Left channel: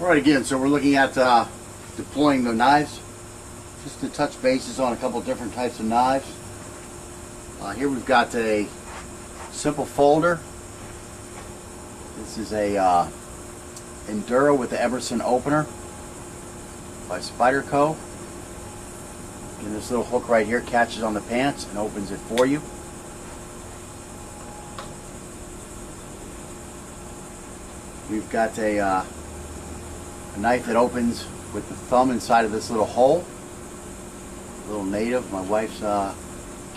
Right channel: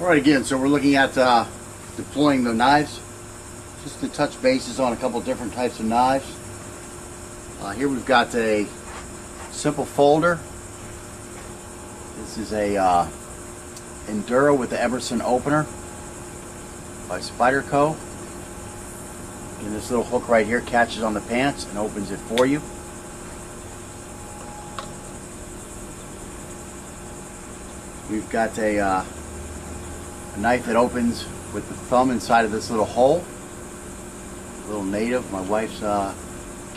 Alright, again, so we're looking at deploying the knives. Just to touch bases on a couple different types of knives. Here we've got a simple folder. This is a Enduro with the Emerson opener by Spyderco. And this little hook right here catches on the pants and opens it for you. We've got a knife that opens with the thumb inside of this little hole. A little native, my wife's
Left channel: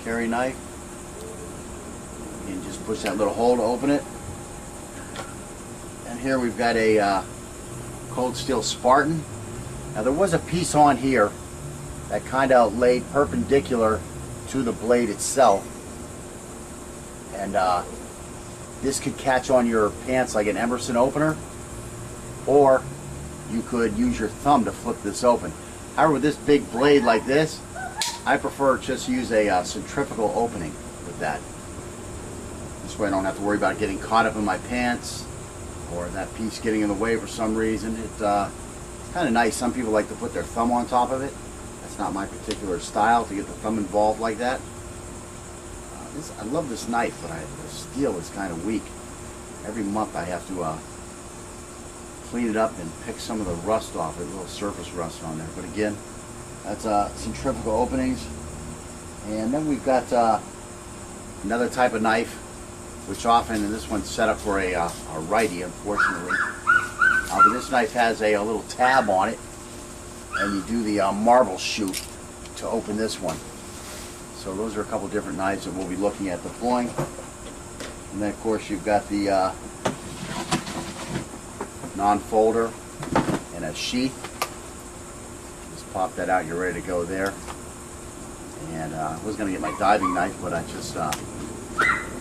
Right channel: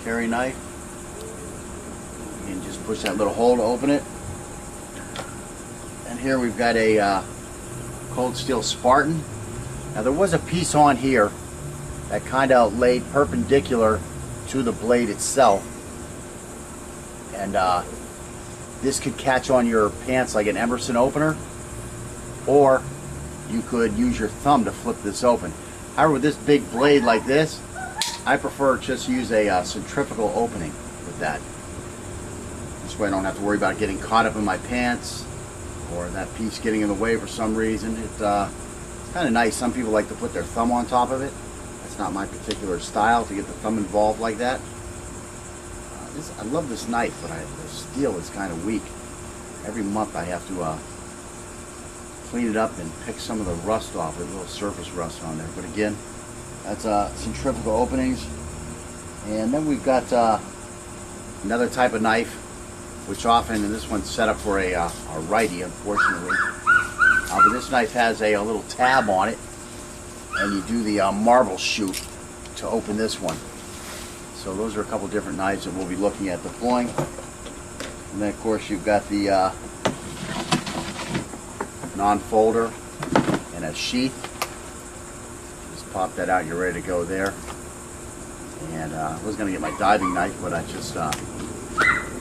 carry knife. And just push that little hole to open it. And here we've got a cold steel Spartan. Now there was a piece on here that kind of laid perpendicular to the blade itself. And this could catch on your pants like an Emerson opener, or you could use your thumb to flip this open. However, with this big blade like this, I prefer just use a centrifugal opening with that. This way I don't have to worry about getting caught up in my pants or that piece getting in the way for some reason. It's kind of nice. Some people like to put their thumb on top of it. That's not my particular style, to get the thumb involved like that. I love this knife, but the steel is kind of weak. Every month I have to clean it up and pick some of the rust off it, a little surface rust on there. But again, that's centrifugal openings. And then we've got another type of knife, which often, and this one's set up for a righty, unfortunately. But this knife has a little tab on it, and you do the marble shoot to open this one. So those are a couple different knives that we'll be looking at deploying. And then of course you've got the non-folder and a sheath. Just pop that out, you're ready to go there. And I was going to get my diving knife, but I just, my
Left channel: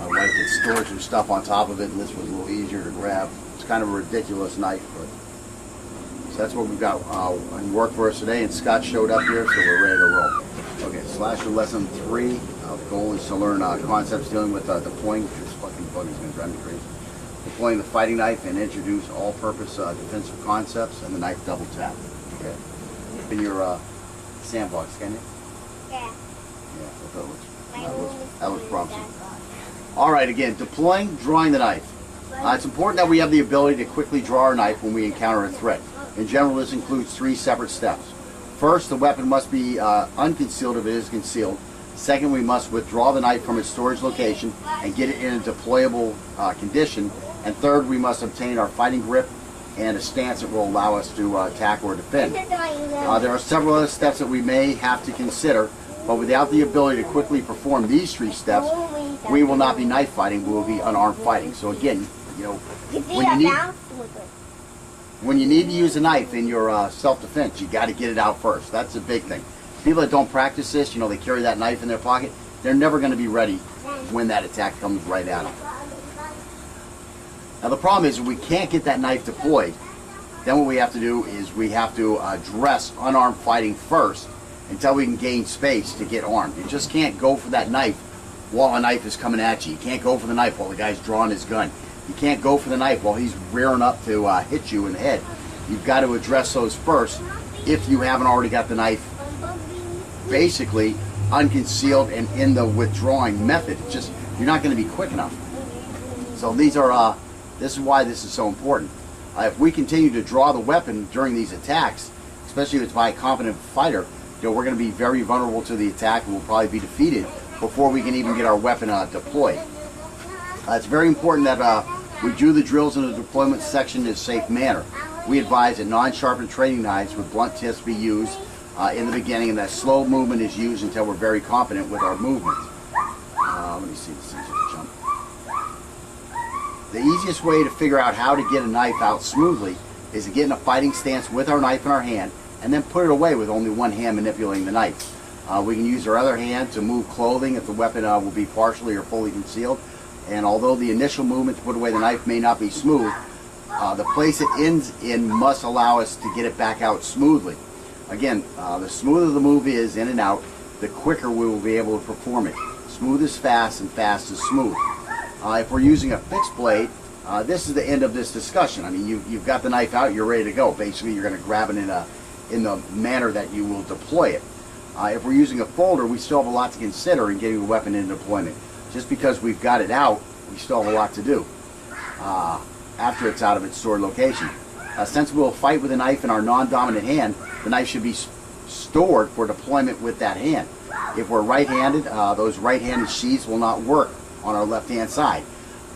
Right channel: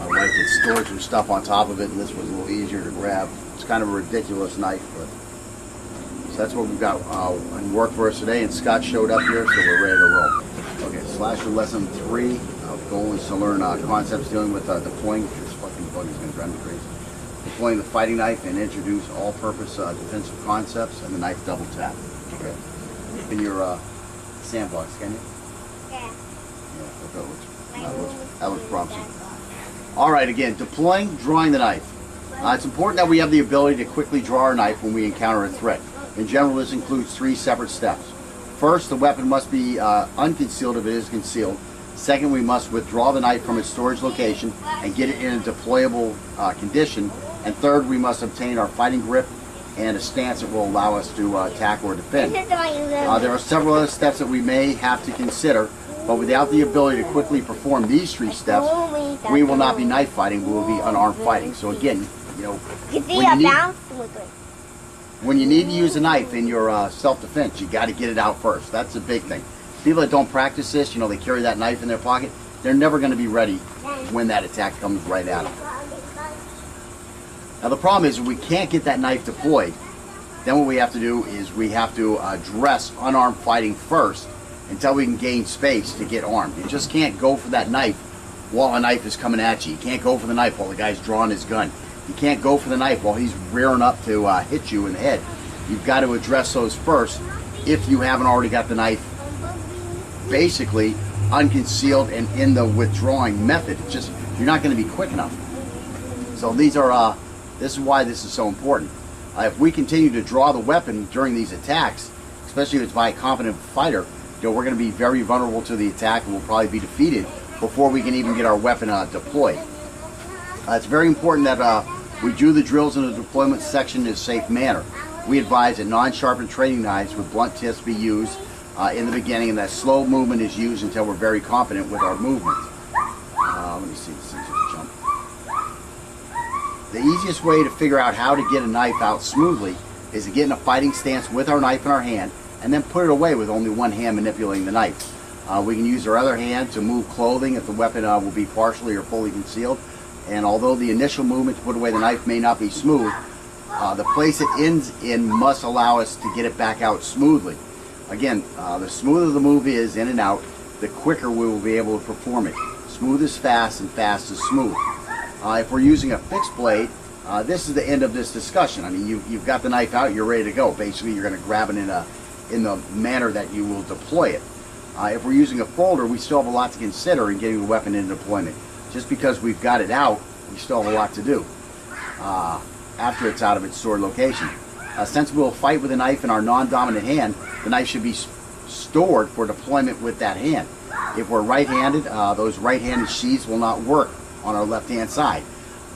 wife had stored some stuff on top of it, and this was a little easier to grab. It's kind of a ridiculous knife, but so that's what we've got in work for us today, and Scott showed up here, so we're ready to roll. Okay, Slasher lesson 3. The goal is to learn concepts dealing with deploying. This fucking bug is going to drive me crazy. Deploying the fighting knife and introduce all-purpose defensive concepts and the knife double tap. Okay. In your sandbox, can you? Yeah. Yeah, that looks promising. All right, again, deploying, drawing the knife. It's important that we have the ability to quickly draw our knife when we encounter a threat. In general, this includes 3 separate steps. First, the weapon must be unconcealed if it is concealed. Second, we must withdraw the knife from its storage location and get it in a deployable condition. And third, we must obtain our fighting grip and a stance that will allow us to attack or defend. There are several other steps that we may have to consider, but without the ability to quickly perform these 3 steps, we will not be knife fighting, we will be unarmed fighting. So again, you know, when you need to use a knife in your self-defense, you got to get it out first. That's the big thing. People that don't practice this, you know, they carry that knife in their pocket, they're never going to be ready when that attack comes right at them. Now the problem is, if we can't get that knife deployed, then what we have to do is we have to address unarmed fighting first until we can gain space to get armed. You just can't go for that knife while a knife is coming at you. You can't go for the knife while the guy's drawing his gun. You can't go for the knife while he's rearing up to hit you in the head. You've got to address those first if you haven't already got the knife basically unconcealed and in the withdrawing method. It's just, you're not going to be quick enough. So these are, this is why this is so important. If we continue to draw the weapon during these attacks, especially if it's by a competent fighter, you know, we're going to be very vulnerable to the attack and we'll probably be defeated before we can even get our weapon deployed. It's very important that we do the drills in the deployment section in a safe manner. We advise that non-sharpened training knives with blunt tips be used in the beginning, and that slow movement is used until we're very confident with our movements. Let me see, this thing's just jump. The easiest way to figure out how to get a knife out smoothly is to get in a fighting stance with our knife in our hand and then put it away with only one hand manipulating the knife. We can use our other hand to move clothing if the weapon will be partially or fully concealed. And although the initial movement to put away the knife may not be smooth, the place it ends in must allow us to get it back out smoothly. Again, the smoother the move is in and out, the quicker we will be able to perform it. Smooth is fast and fast is smooth. If we're using a fixed blade, this is the end of this discussion. I mean, you've got the knife out, you're ready to go. Basically, you're going to grab it in the manner that you will deploy it. If we're using a folder, we still have a lot to consider in getting the weapon into deployment. Just because we've got it out, we still have a lot to do after it's out of its stored location. Since we'll fight with a knife in our non-dominant hand, the knife should be stored for deployment with that hand. If we're right-handed, those right-handed sheaths will not work on our left-hand side.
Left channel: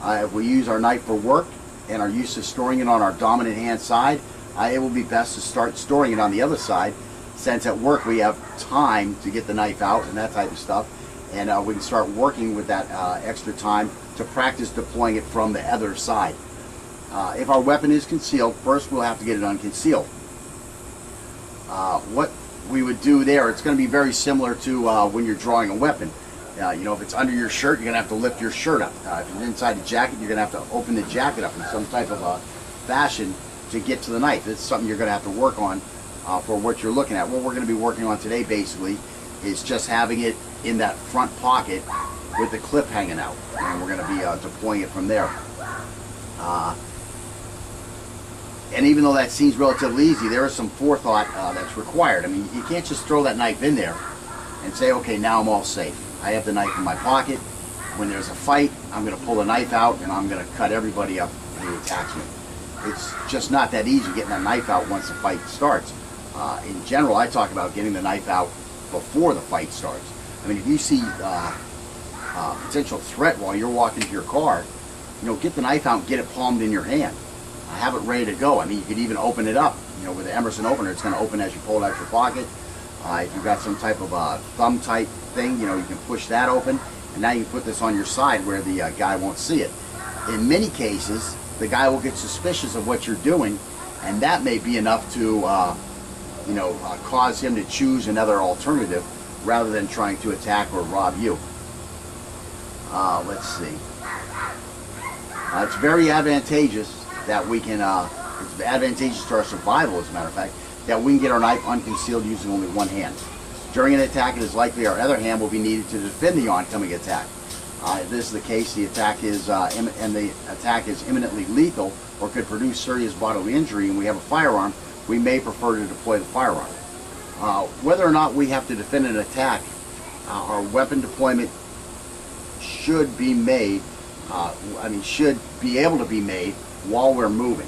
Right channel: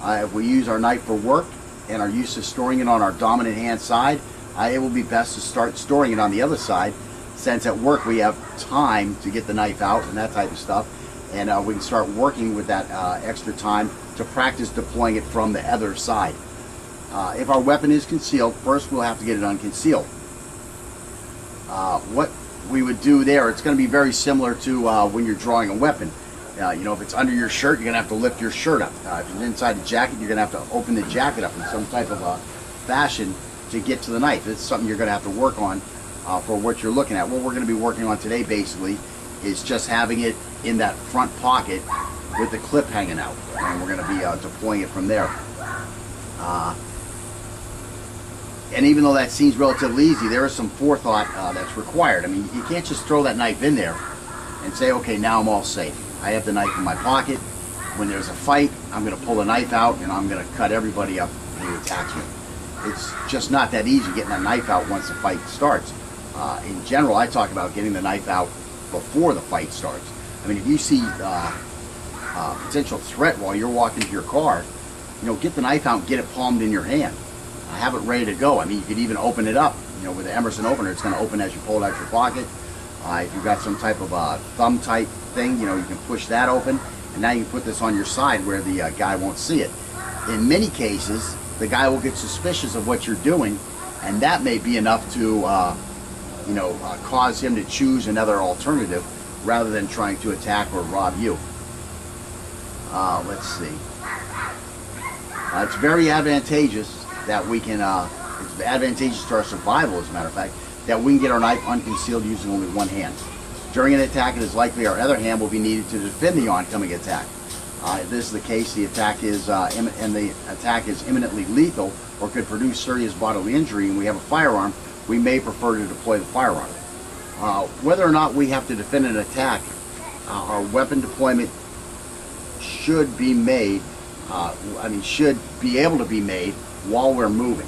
If we use our knife for work and are used to storing it on our dominant hand side, it will be best to start storing it on the other side, since at work we have time to get the knife out and that type of stuff, and we can start working with that extra time to practice deploying it from the other side. If our weapon is concealed, first we'll have to get it unconcealed. What we would do there, it's going to be very similar to when you're drawing a weapon. You know, if it's under your shirt, you're going to have to lift your shirt up. If it's inside the jacket, you're going to have to open the jacket up in some type of fashion to get to the knife. It's something you're going to have to work on for what you're looking at. What we're going to be working on today, basically, is just having it in that front pocket with the clip hanging out. And we're going to be deploying it from there. And even though that seems relatively easy, there is some forethought that's required. I mean, you can't just throw that knife in there and say, okay, now I'm all safe. I have the knife in my pocket. When there's a fight, I'm going to pull the knife out and I'm going to cut everybody up who attacks me. It's just not that easy getting that knife out once the fight starts. In general, I talk about getting the knife out before the fight starts. I mean, if you see potential threat while you're walking to your car, you know, get the knife out and get it palmed in your hand. Have it ready to go. I mean, you could even open it up. You know, with the Emerson opener, it's going to open as you pull it out your pocket. If you've got some type of thumb type thing, you know, you can push that open, and now you can put this on your side where the guy won't see it. In many cases, the guy will get suspicious of what you're doing, and that may be enough to, you know, cause him to choose another alternative rather than trying to attack or rob you. Let's see. It's very advantageous that we can, it's advantageous to our survival, as a matter of fact, that we can get our knife unconcealed using only one hand. During an attack, it is likely our other hand will be needed to defend the oncoming attack. If this is the case, the attack is imminently lethal or could produce serious bodily injury, and we have a firearm, we may prefer to deploy the firearm. Whether or not we have to defend an attack, our weapon deployment should be made, should be able to be made while we're moving.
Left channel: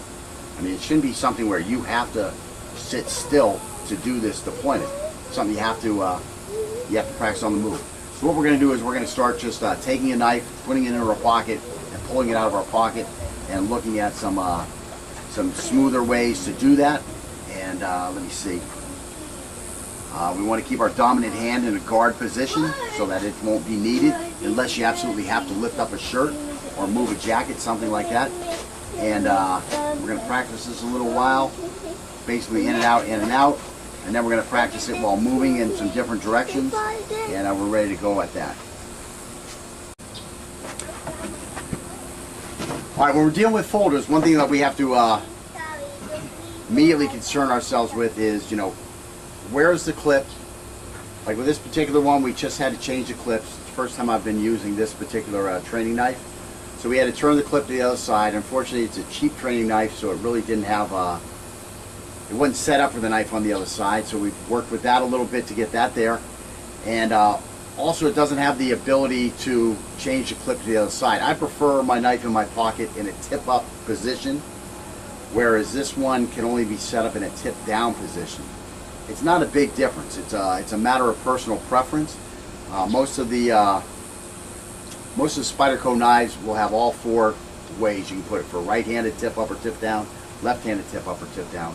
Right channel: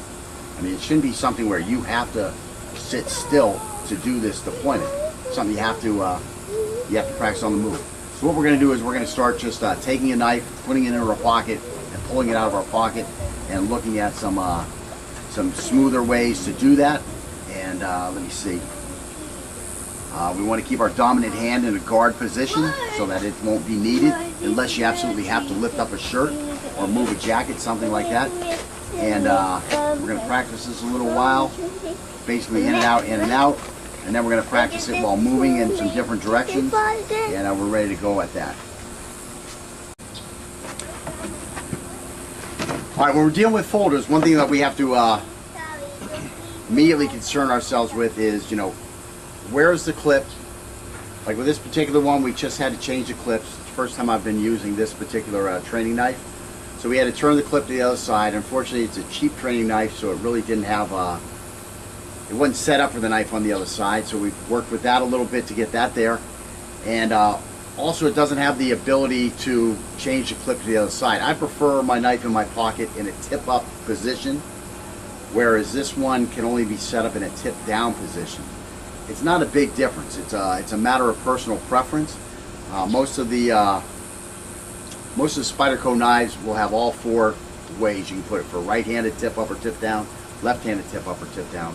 I mean, it shouldn't be something where you have to sit still to do this deployment. It's something you have to practice on the move. So what we're going to do is we're going to start just taking a knife, putting it in our pocket, and pulling it out of our pocket, and looking at some smoother ways to do that. And let me see. We want to keep our dominant hand in a guard position so that it won't be needed unless you absolutely have to lift up a shirt or move a jacket, something like that. And we're going to practice this a little while, basically in and out, and then we're going to practice it while moving in some different directions, and we're ready to go at that. All right, when we're dealing with folders, one thing that we have to immediately concern ourselves with is, you know, where's the clip? Like with this particular one, we just had to change the clips. It's the first time I've been using this particular training knife. So we had to turn the clip to the other side. Unfortunately, it's a cheap training knife, so it really didn't have, it wasn't set up for the knife on the other side. So we've worked with that a little bit to get that there. And also it doesn't have the ability to change the clip to the other side. I prefer my knife in my pocket in a tip-up position, whereas this one can only be set up in a tip-down position. It's not a big difference. It's a matter of personal preference. Most of the Spyderco knives will have all four ways you can put it, for right-handed tip up or tip down, left-handed tip up or tip down.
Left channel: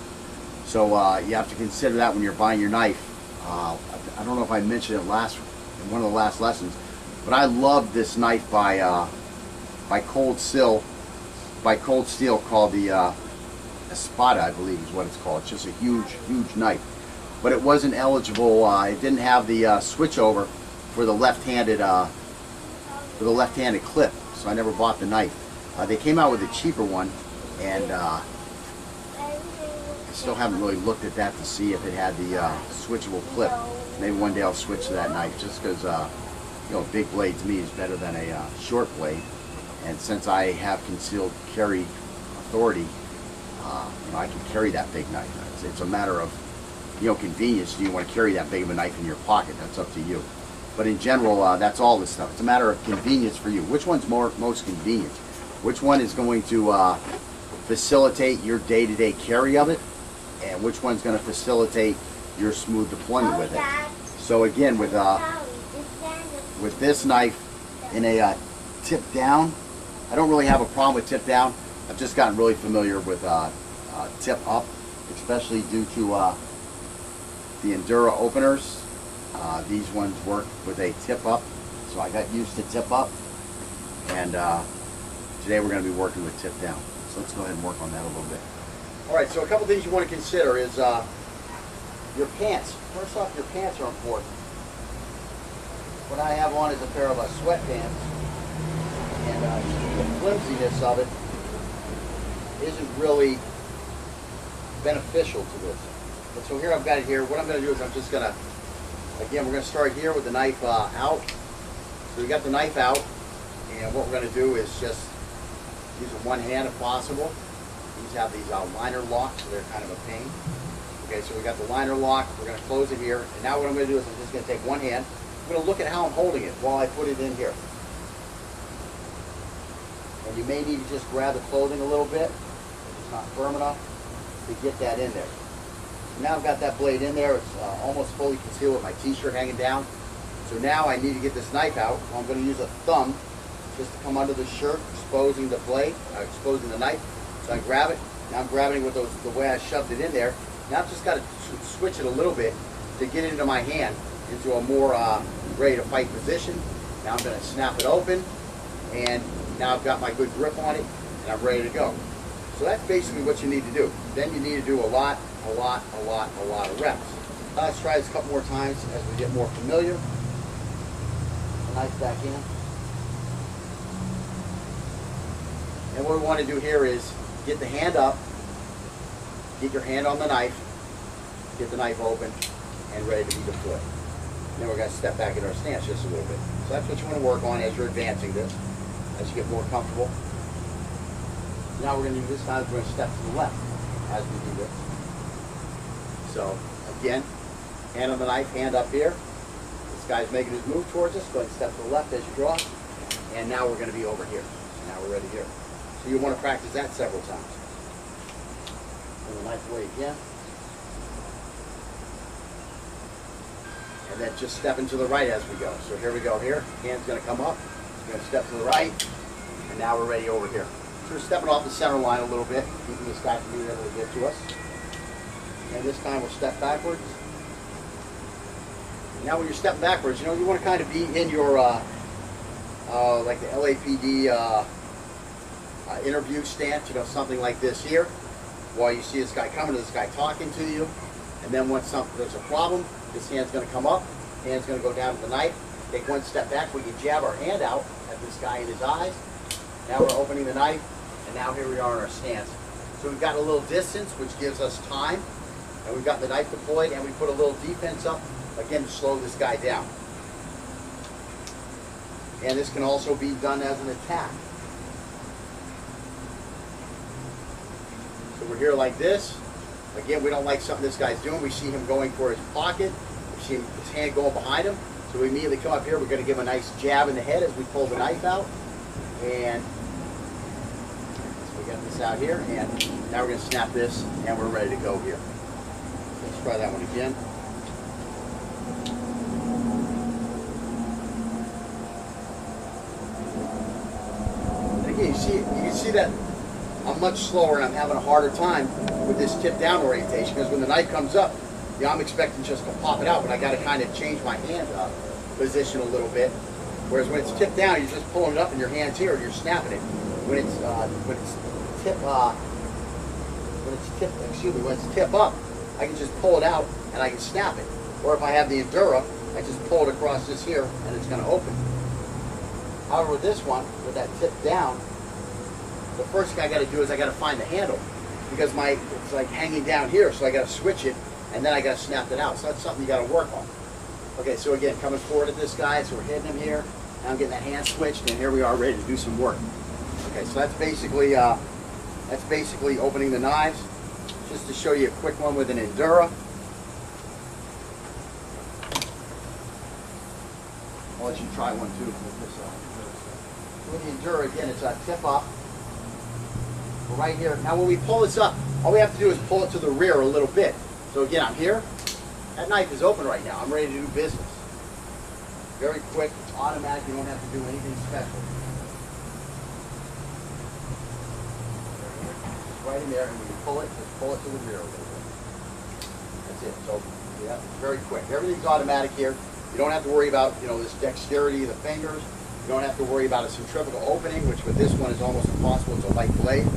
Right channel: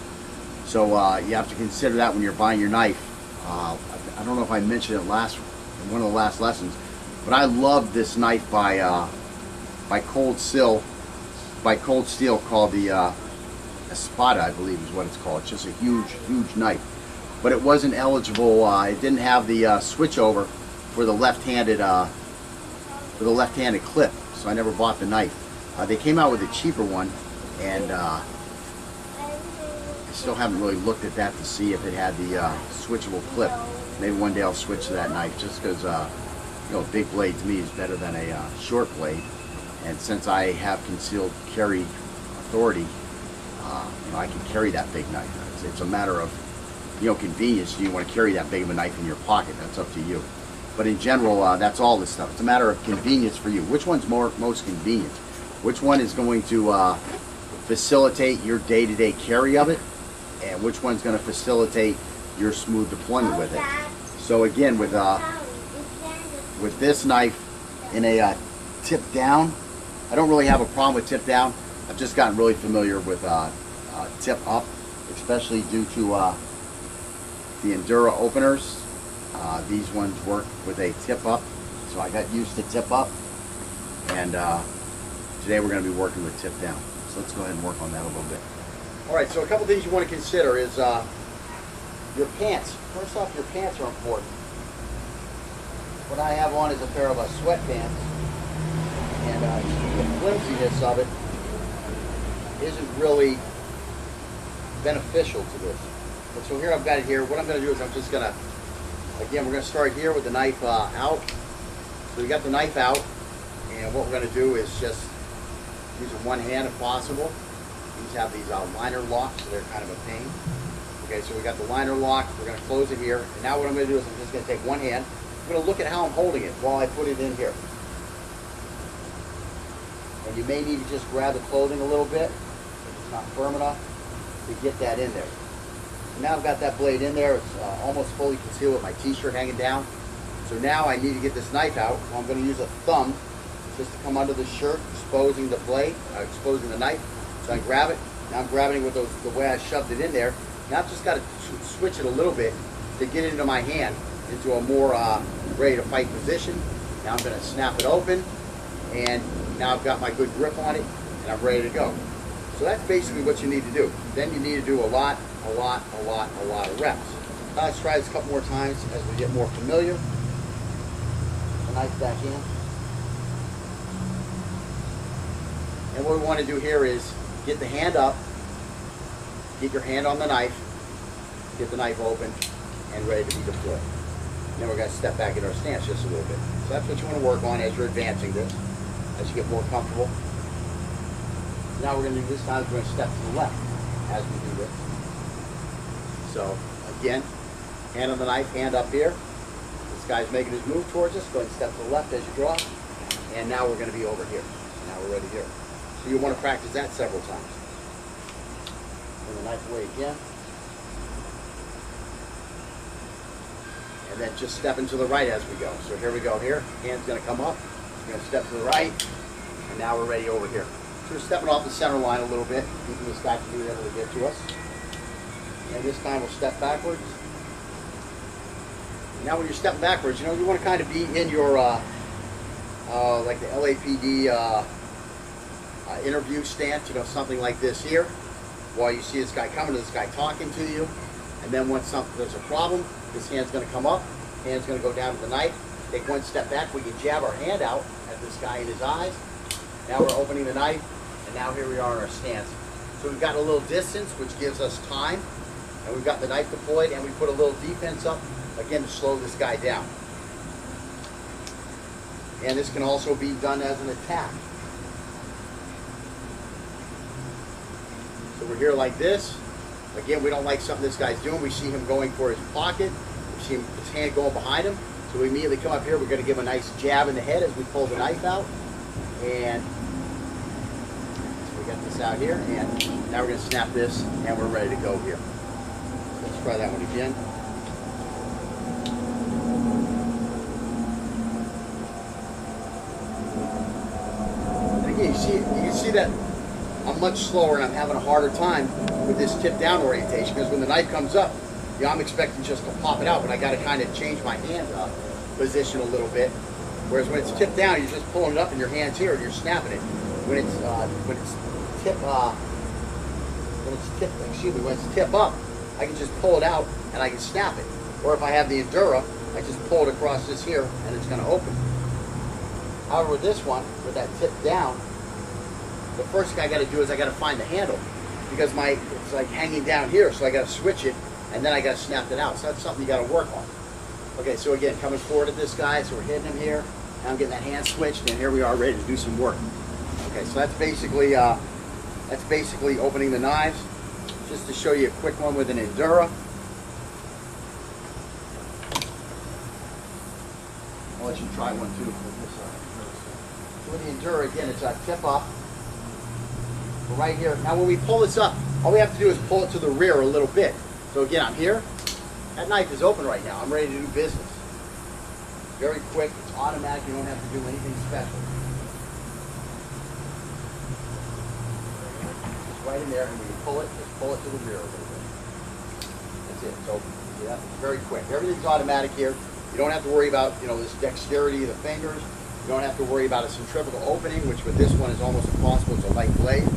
So you have to consider that when you're buying your knife. I don't know if I mentioned it in one of the last lessons, but I love this knife by Cold Steel called the Espada, I believe is what it's called. It's just a huge knife. But it wasn't eligible. It didn't have the switch over for the left-handed clip, so I never bought the knife. They came out with a cheaper one, and I still haven't really looked at that to see if it had the switchable clip. Maybe one day I'll switch to that knife, just because you know, a big blade to me is better than a short blade. And since I have concealed carry authority, I can carry that big knife. It's a matter of convenience. Do you want to carry that big of a knife in your pocket? That's up to you. But in general, that's all this stuff. It's a matter of convenience for you. Which one's most convenient? Which one is going to facilitate your day-to-day carry of it, and which one's going to facilitate your smooth deployment with it? So again, with this knife in a tip down, I don't really have a problem with tip down. I've just gotten really familiar with tip up, especially due to the Endura openers. These ones work with a tip up, so I got used to tip up, and today we're going to be working with tip down. So let's go ahead and work on that a little bit. All right, so a couple things you want to consider is your pants. First off, your pants are important. What I have on is a pair of sweatpants, and the flimsiness of it isn't really beneficial to this. But so here I've got it here. What I'm going to do is I'm just going to, again, we're going to start here with the knife out. So we got the knife out, and what we're going to do is just using one hand if possible. These have these liner locks, so they're kind of a pain. Okay, so we got the liner lock. We're going to close it here. And now what I'm going to do is I'm just going to take one hand. I'm going to look at how I'm holding it while I put it in here. And you may need to just grab the clothing a little bit if it's not firm enough to get that in there. So now I've got that blade in there. It's almost fully concealed with my t-shirt hanging down. So now I need to get this knife out. So I'm going to use a thumb just to come under the shirt, exposing the blade, exposing the knife. So I grab it. Now I'm grabbing it with the way I shoved it in there. Now I've just got to switch it a little bit to get it into my hand, into a more ready to fight position. Now I'm going to snap it open, and now I've got my good grip on it, and I'm ready to go. So that's basically what you need to do. Then you need to do a lot of reps. Let's try this a couple more times as we get more familiar. The knife back in. And what we want to do here is get the hand up, get your hand on the knife, get the knife open, and ready to be deployed. Then we're going to step back in our stance just a little bit. So that's what you want to work on as you're advancing this, as you get more comfortable. Now we're going to do this time, we're going to step to the left as we do this. So again, hand on the knife, hand up here. This guy's making his move towards us. Go ahead and step to the left as you draw. And now we're going to be over here. So now we're ready here. So you want to practice that several times. Bring the knife away again. And then just stepping to the right as we go. So here we go here. Hand's going to come up. We're going to step to the right. And now we're ready over here. So we're stepping off the center line a little bit, keeping this guy from being able to get to us. And this time we'll step backwards. Now when you're stepping backwards, you want to kind of be in your, like the LAPD interview stance, something like this here, while you see this guy coming, this guy talking to you. And then once there's a problem, this hand's going to come up, hand's going to go down to the knife, take one step back, we can jab our hand out at this guy in his eyes. Now we're opening the knife, and now here we are in our stance. So we've got a little distance, which gives us time, and we've got the knife deployed, and we put a little defense up, again, to slow this guy down. And this can also be done as an attack. So we're here like this. Again, we don't like something this guy's doing. We see him going for his pocket. We see his hand going behind him. So we immediately come up here. We're going to give him a nice jab in the head as we pull the knife out. And so we got this out here. And now we're going to snap this, and we're ready to go here. So let's try that one again. And again, you can see that I'm much slower and I'm having a harder time with this tip down orientation, because when the knife comes up, I'm expecting just to pop it out, but I got to kind of change my hand position a little bit. Whereas when it's tipped down, you're just pulling it up in your hands here and you're snapping it. When it's tip up, I can just pull it out and I can snap it. Or if I have the Endura, I just pull it across this here and it's going to open. However, with this one, with that tip down, the first thing I got to do is I got to find the handle, because it's like hanging down here, so I got to switch it and then I got to snap it out. So that's something you got to work on. Okay, so again, coming forward at this guy, so we're hitting him here. Now I'm getting that hand switched, and here we are ready to do some work. Okay, so that's basically opening the knives. Just to show you a quick one with an Endura. I'll let you try one too with this. So with the Endura, again, it's a tip up. We're right here. Now when we pull this up, all we have to do is pull it to the rear a little bit. So again, I'm here. That knife is open right now. I'm ready to do business. Very quick. It's automatic. You don't have to do anything special. It's right in there, and when you pull it, just pull it to the rear a little bit. That's it. So yeah, it's very quick. Everything's automatic here. You don't have to worry about, you know, this dexterity of the fingers. You don't have to worry about a centrifugal opening, which with this one is almost impossible. It's a light blade,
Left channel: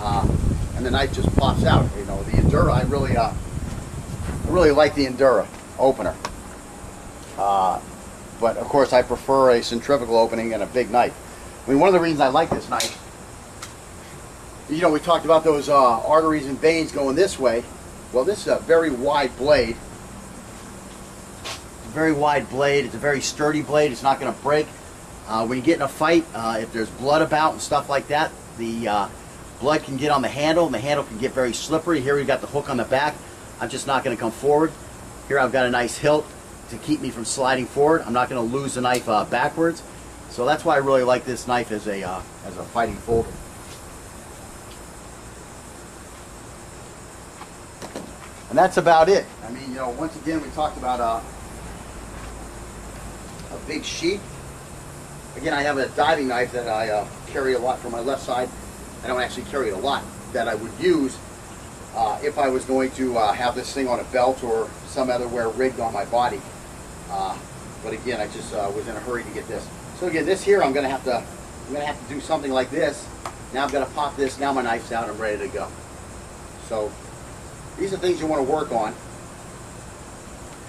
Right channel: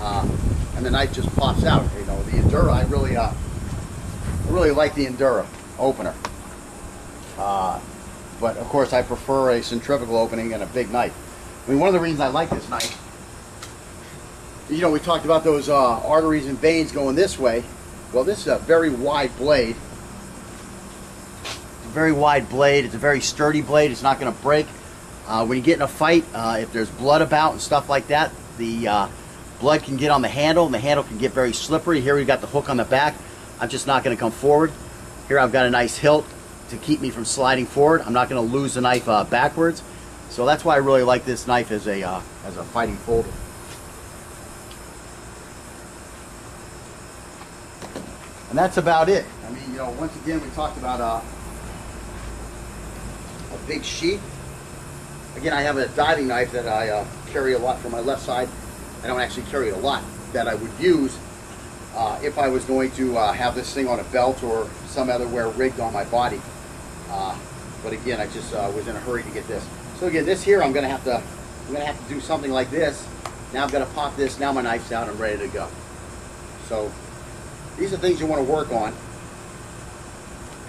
and the knife just pops out. You know, the Endura, I really like the Endura opener. But of course, I prefer a centrifugal opening and a big knife. I mean, one of the reasons I like this knife, you know, we talked about those arteries and veins going this way. Well, this is a very wide blade. It's a very wide blade. It's a very sturdy blade. It's not going to break. When you get in a fight, if there's blood about and stuff like that, the blood can get on the handle, and the handle can get very slippery. Here we've got the hook on the back. I'm just not going to come forward. Here I've got a nice hilt to keep me from sliding forward. I'm not going to lose the knife backwards. So that's why I really like this knife as a fighting folder. And that's about it. I mean, you know, once again, we talked about a big sheath. Again, I have a diving knife that I carry a lot for my left side. I don't actually carry it a lot, that I would use if I was going to have this thing on a belt or some other wear rigged on my body. But again, I just was in a hurry to get this. So again, this here, I'm gonna have to do something like this. Now I'm gonna pop this. Now my knife's out. I'm ready to go. So these are things you want to work on.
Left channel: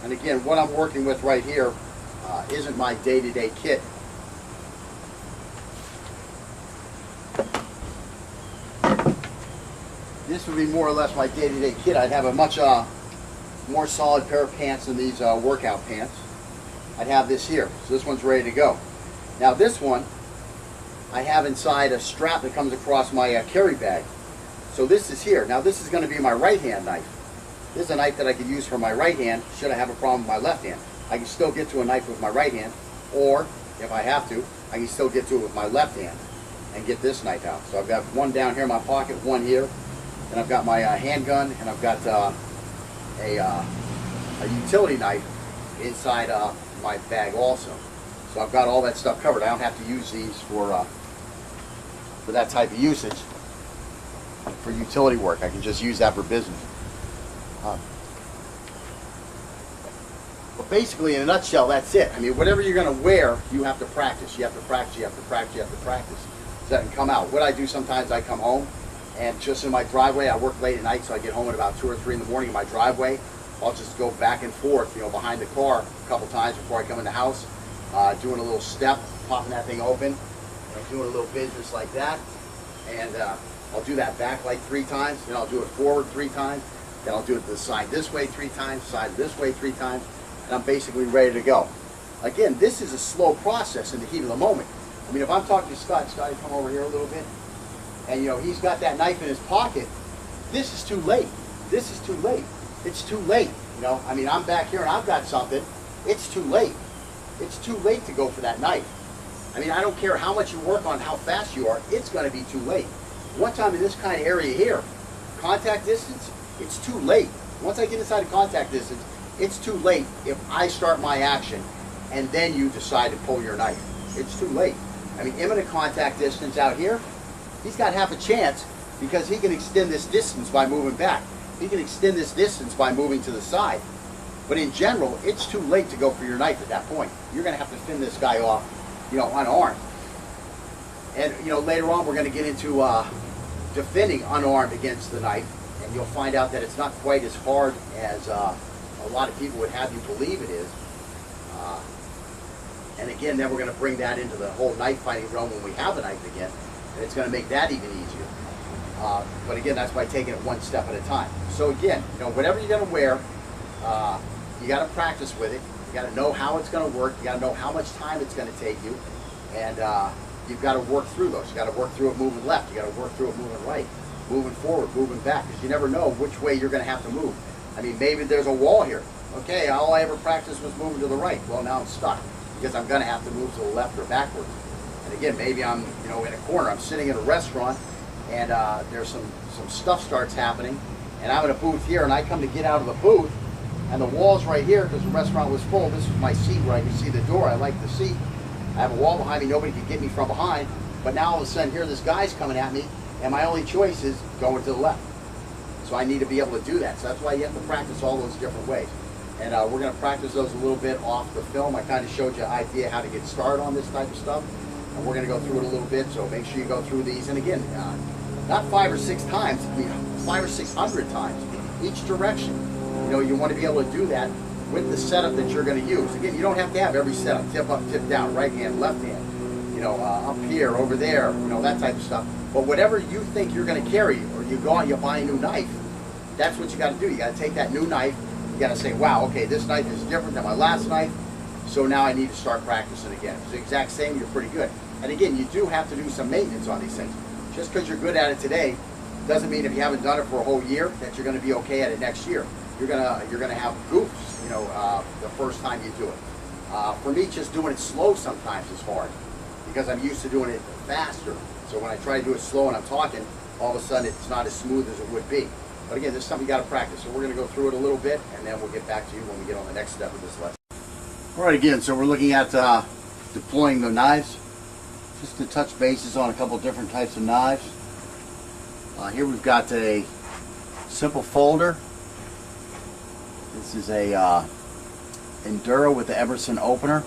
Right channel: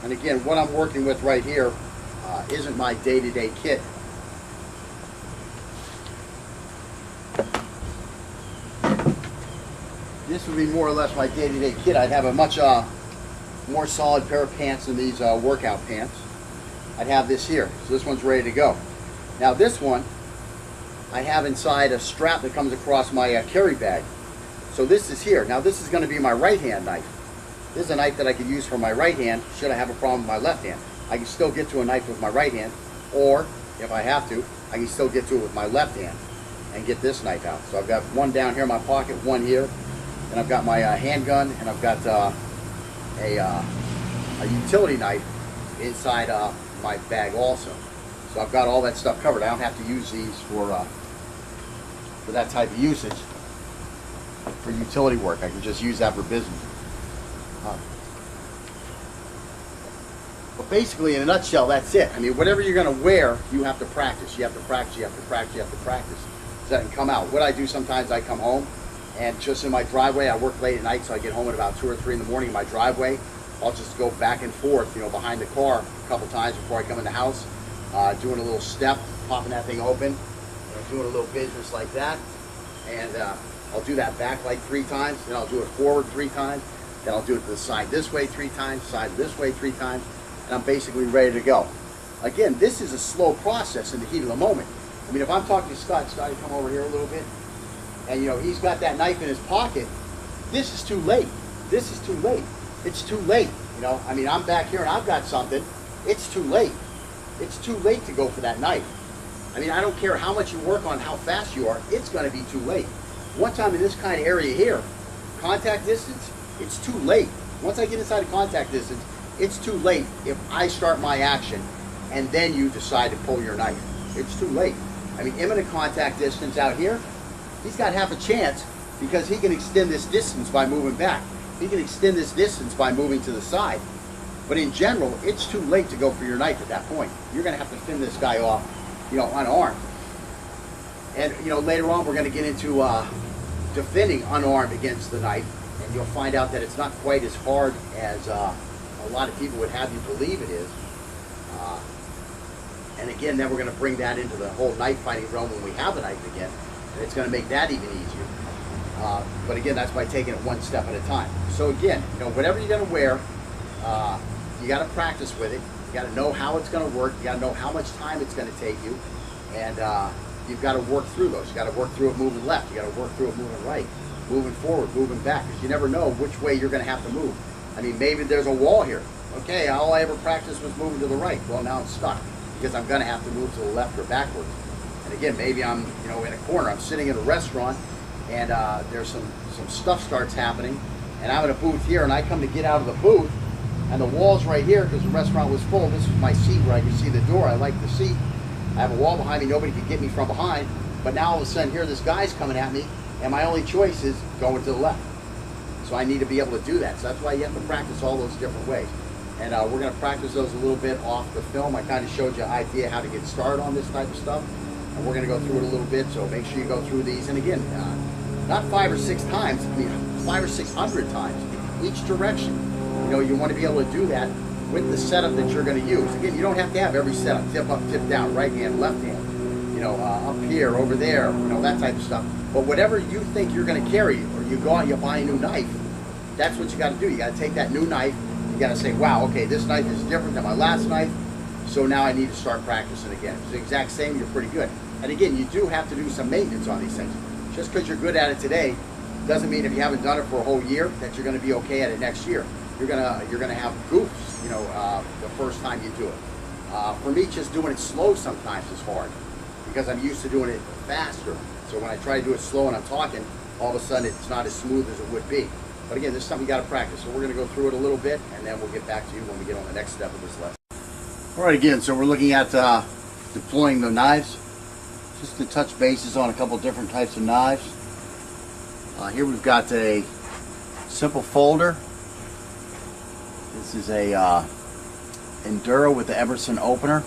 And again, what I'm working with right here isn't my day-to-day kit. This would be more or less my day-to-day kit. I'd have a much more solid pair of pants than these workout pants. I'd have this here. So this one's ready to go. Now this one, I have inside a strap that comes across my carry bag. So this is here. Now this is going to be my right hand knife. This is a knife that I could use for my right hand should I have a problem with my left hand. I can still get to a knife with my right hand, or if I have to, I can still get to it with my left hand and get this knife out. So I've got one down here in my pocket, one here, and I've got my handgun, and I've got a utility knife inside my bag also. So I've got all that stuff covered. I don't have to use these for that type of usage. For utility work, I can just use that for business. But basically, in a nutshell, that's it. I mean, whatever you're going to wear, you have to practice. You have to practice. You have to practice. You have to practice. So that can come out. What I do sometimes, I come home, and just in my driveway, I work late at night, so I get home at about 2 or 3 in the morning in my driveway. I'll just go back and forth, you know, behind the car a couple times before I come in the house, doing a little step, popping that thing open, and doing a little business like that. And I'll do that back like 3 times, then I'll do it forward 3 times, then I'll do it to the side this way 3 times, side this way 3 times, and I'm basically ready to go. Again, this is a slow process in the heat of the moment. I mean, if I'm talking to Scott, Scotty, come over here a little bit, and you know, he's got that knife in his pocket, this is too late. This is too late. It's too late. You know, I mean, I'm back here and I've got something. It's too late. It's too late to go for that knife. I mean, I don't care how much you work on how fast you are, it's going to be too late. Once I'm in this kind of area here, contact distance, it's too late. Once I get inside of contact distance, it's too late if I start my action and then you decide to pull your knife. It's too late. I mean, imminent contact distance out here, he's got half a chance because he can extend this distance by moving back. He can extend this distance by moving to the side. But in general, it's too late to go for your knife at that point. You're going to have to fend this guy off, you know, unarmed. And, you know, later on we're going to get into defending unarmed against the knife. And you'll find out that it's not quite as hard as a lot of people would have you believe it is. And again, then we're going to bring that into the whole knife fighting realm when we have a knife again. And it's going to make that even easier. But again, that's by taking it one step at a time. So again, you know, whatever you're going to wear, you got to practice with it. You got to know how it's going to work. You got to know how much time it's going to take you. And you've got to work through those. You got to work through it moving left. You got to work through it moving right, moving forward, moving back, because you never know which way you're going to have to move. I mean, maybe there's a wall here. Okay, all I ever practiced was moving to the right. Well, now I'm stuck because I'm going to have to move to the left or backwards. And again, maybe I'm, in a corner. I'm sitting in a restaurant, and there's some stuff starts happening, and I'm in a booth here, and I come to get out of the booth, and the wall's right here because the restaurant was full. This was my seat where I could see the door. I like the seat. I have a wall behind me. Nobody could get me from behind. But now all of a sudden, here this guy's coming at me, and my only choice is going to the left. So I need to be able to do that. So that's why you have to practice all those different ways. And we're going to practice those a little bit off the film. I kind of showed you an idea how to get started on this type of stuff. And we're going to go through it a little bit, so make sure you go through these. And again, not 5 or 6 times, 500 or 600 times, each direction. You want to be able to do that with the setup that you're going to use. Again, you don't have to have every setup, tip up, tip down, right hand, left hand, up here, over there, that type of stuff. But whatever you think you're going to carry, or you go out and you buy a new knife, that's what you got to do. You got to take that new knife, you got to say, wow, okay, this knife is different than my last knife, so now I need to start practicing again. If it's the exact same, you're pretty good. And again, you do have to do some maintenance on these things. Just because you're good at it today doesn't mean if you haven't done it for a whole year that you're going to be okay at it next year. You're gonna have goofs, the first time you do it. For me, just doing it slow sometimes is hard because I'm used to doing it faster. So when I try to do it slow and I'm talking, all of a sudden it's not as smooth as it would be. But again, this is something you got to practice. So we're going to go through it a little bit, and then we'll get back to you when we get on the next step of this lesson. All right, again, so we're looking at deploying the knives. Just to touch bases on a couple different types of knives. Here we've got a simple folder. This is a Enduro with the Emerson opener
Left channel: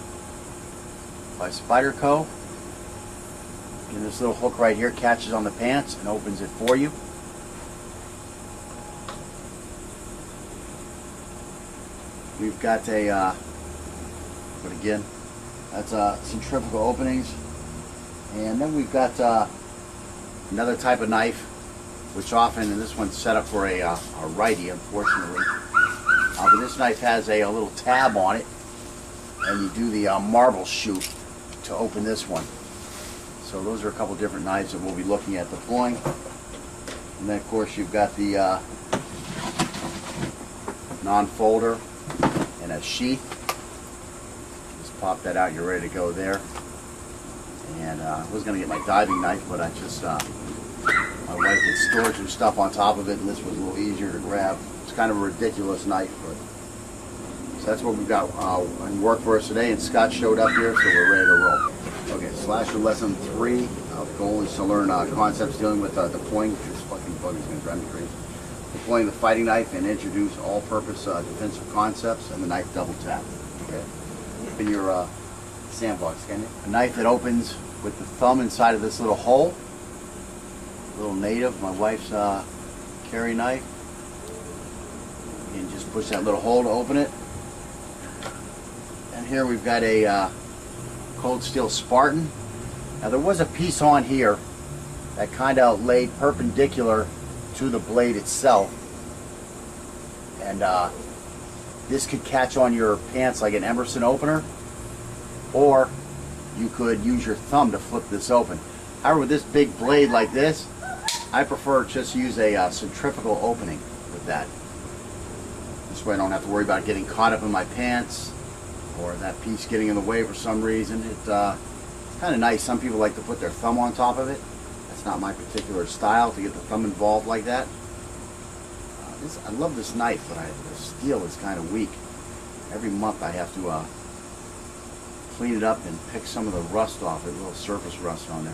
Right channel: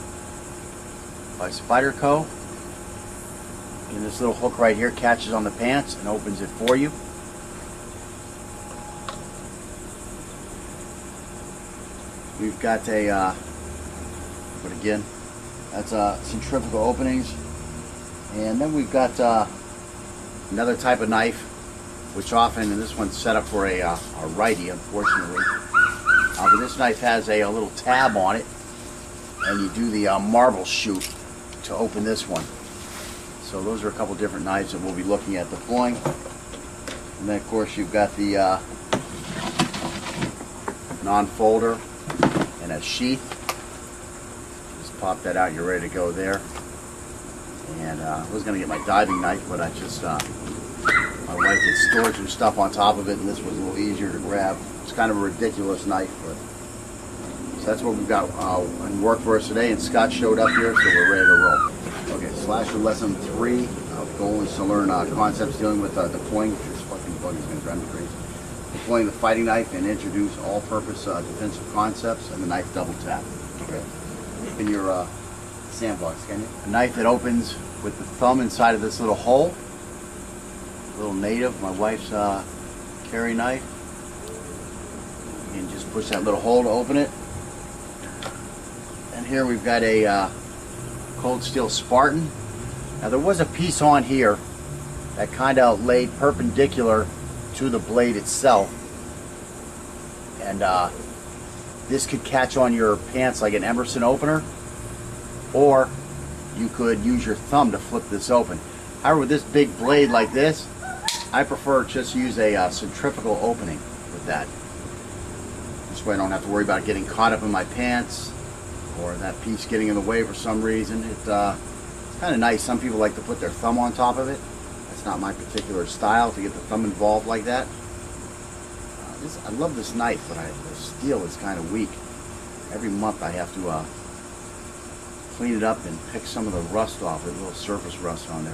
by Spyderco. And this little hook right here catches on the pants and opens it for you. We've got but again, that's centrifugal openings. And then we've got another type of knife, which often, and this one's set up for a righty, unfortunately. But this knife has a little tab on it, and you do the marble shoot to open this one. So those are a couple different knives that we'll be looking at deploying. And then of course you've got the non-folder and a sheath. Just pop that out, you're ready to go there. And I was going to get my diving knife, but I just, my wife had stored some stuff on top of it, and this was a little easier to grab. It's kind of a ridiculous knife, but so that's what we've got in work for us today, and Scott showed up here, so we're ready to roll. Okay, Slasher lesson 3. The goal is to learn concepts dealing with deploying. This fucking bug is going to drive me crazy. Deploying the fighting knife and introduce all-purpose defensive concepts and the knife double tap. Okay, open your sandbox, can you? A knife that opens with the thumb inside of this little hole. A little native, my wife's carry knife. And just push that little hole to open it. And here we've got a cold steel Spartan. Now there was a piece on here that kind of laid perpendicular to the blade itself, and this could catch on your pants like an Emerson opener, or you could use your thumb to flip this open. However, with this big blade like this, I prefer just use a centrifugal opening with that. This way I don't have to worry about getting caught up in my pants or that piece getting in the way for some reason. It's kind of nice. Some people like to put their thumb on top of it. That's not my particular style, to get the thumb involved like that. I love this knife, but the steel is kind of weak. Every month I have to clean it up and pick some of the rust off it, a little surface rust on there.